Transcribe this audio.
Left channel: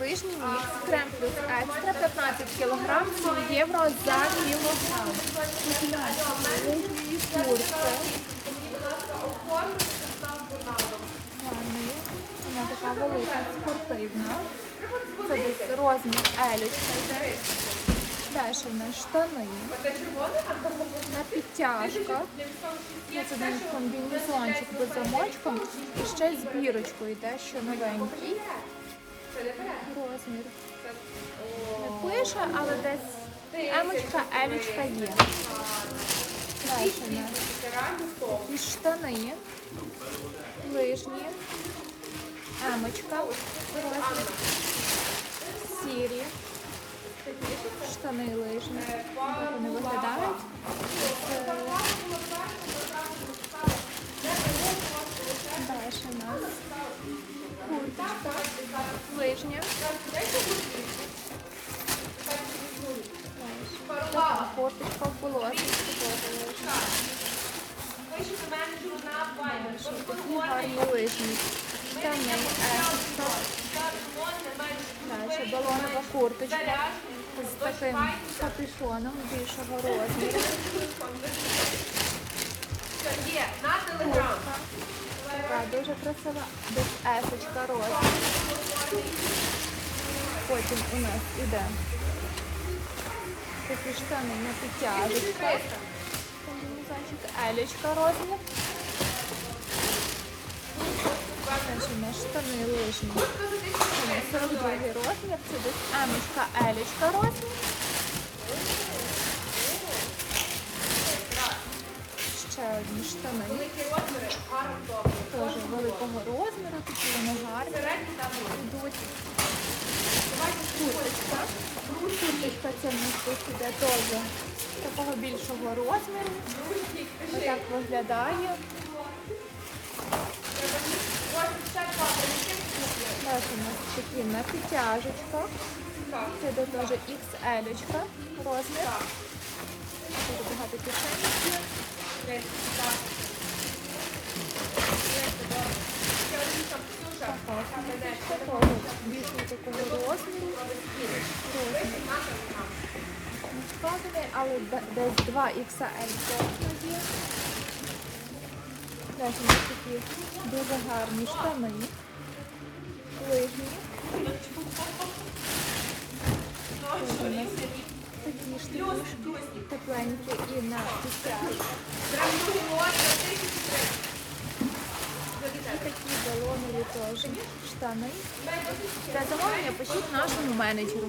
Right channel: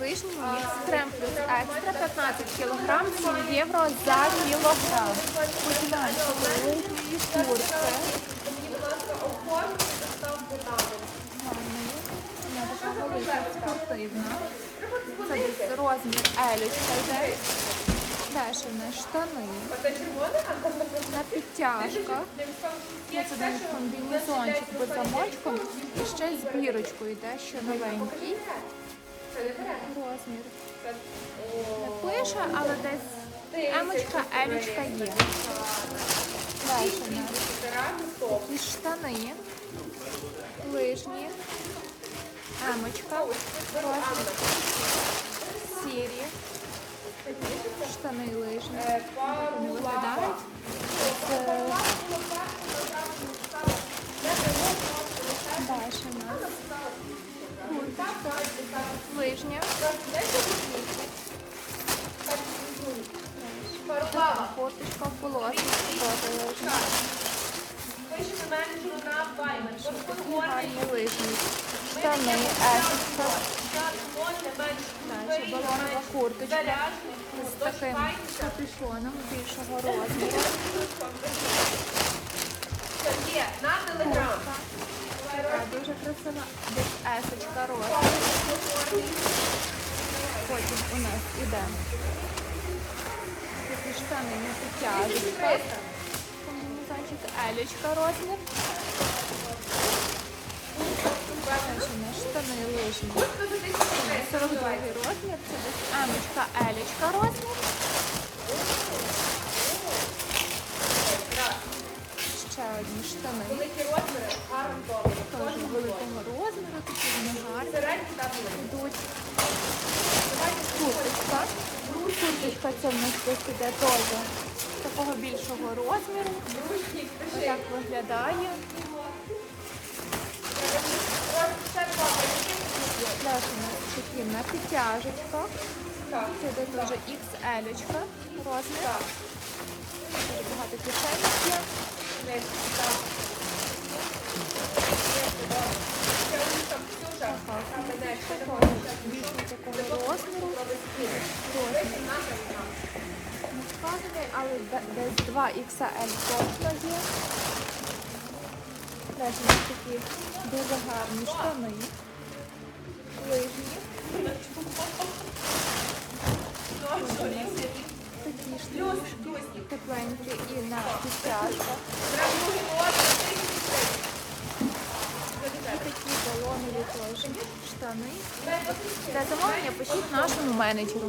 лижній мікс, крем плюс екстра, 15 кг, 7 євро за кілограм. Лижні куртки. Вона така велика, спортивна. Це десь розмір елічка йде. Далі штани. На підтяжках. Ось один комбінезончик без замочком і ще з йде, що новенький. Розмір. Не пише, але десь емочка, елічка є. Далі в нас такі штани, лижні, емочка, розмір, сірі, штани лижні. Так вони виглядають. Далі у нас курточка. Далі. Така курточка в полосочці, теж лижня. Такі гарні лижні. Штани, есочка. Далі балонова курточка з таким капюшоном більшого розміру. Куртка. Дуже красива. Десь есочка розмір. Потім у нас іде такі штани на підтяжечках. Комбінезончик елічка розмір. У штани лижні. Це у 42 розмір. Це десь емочка, елічка розмір. Ще одні штани. Теж великого розміру, такі вони гарні йдуть. Курточка. Курточка це в нас десь іде теж такого більшого розміру. Отак виглядає. Далі у нас такі на підтяжечках. Це теж XL розмір. Дуже багато кишеньок курточка теж більшого такого розміру. Розмір. Не вказаний, але десь 2 XL точно є. Далі у нас такі дуже гарні штани. Лижні. Ось у нас такі штанішки, тепленькі і на підтяжках. Такі балонові теж штани. Для замовлення пишіть нашому менеджеру.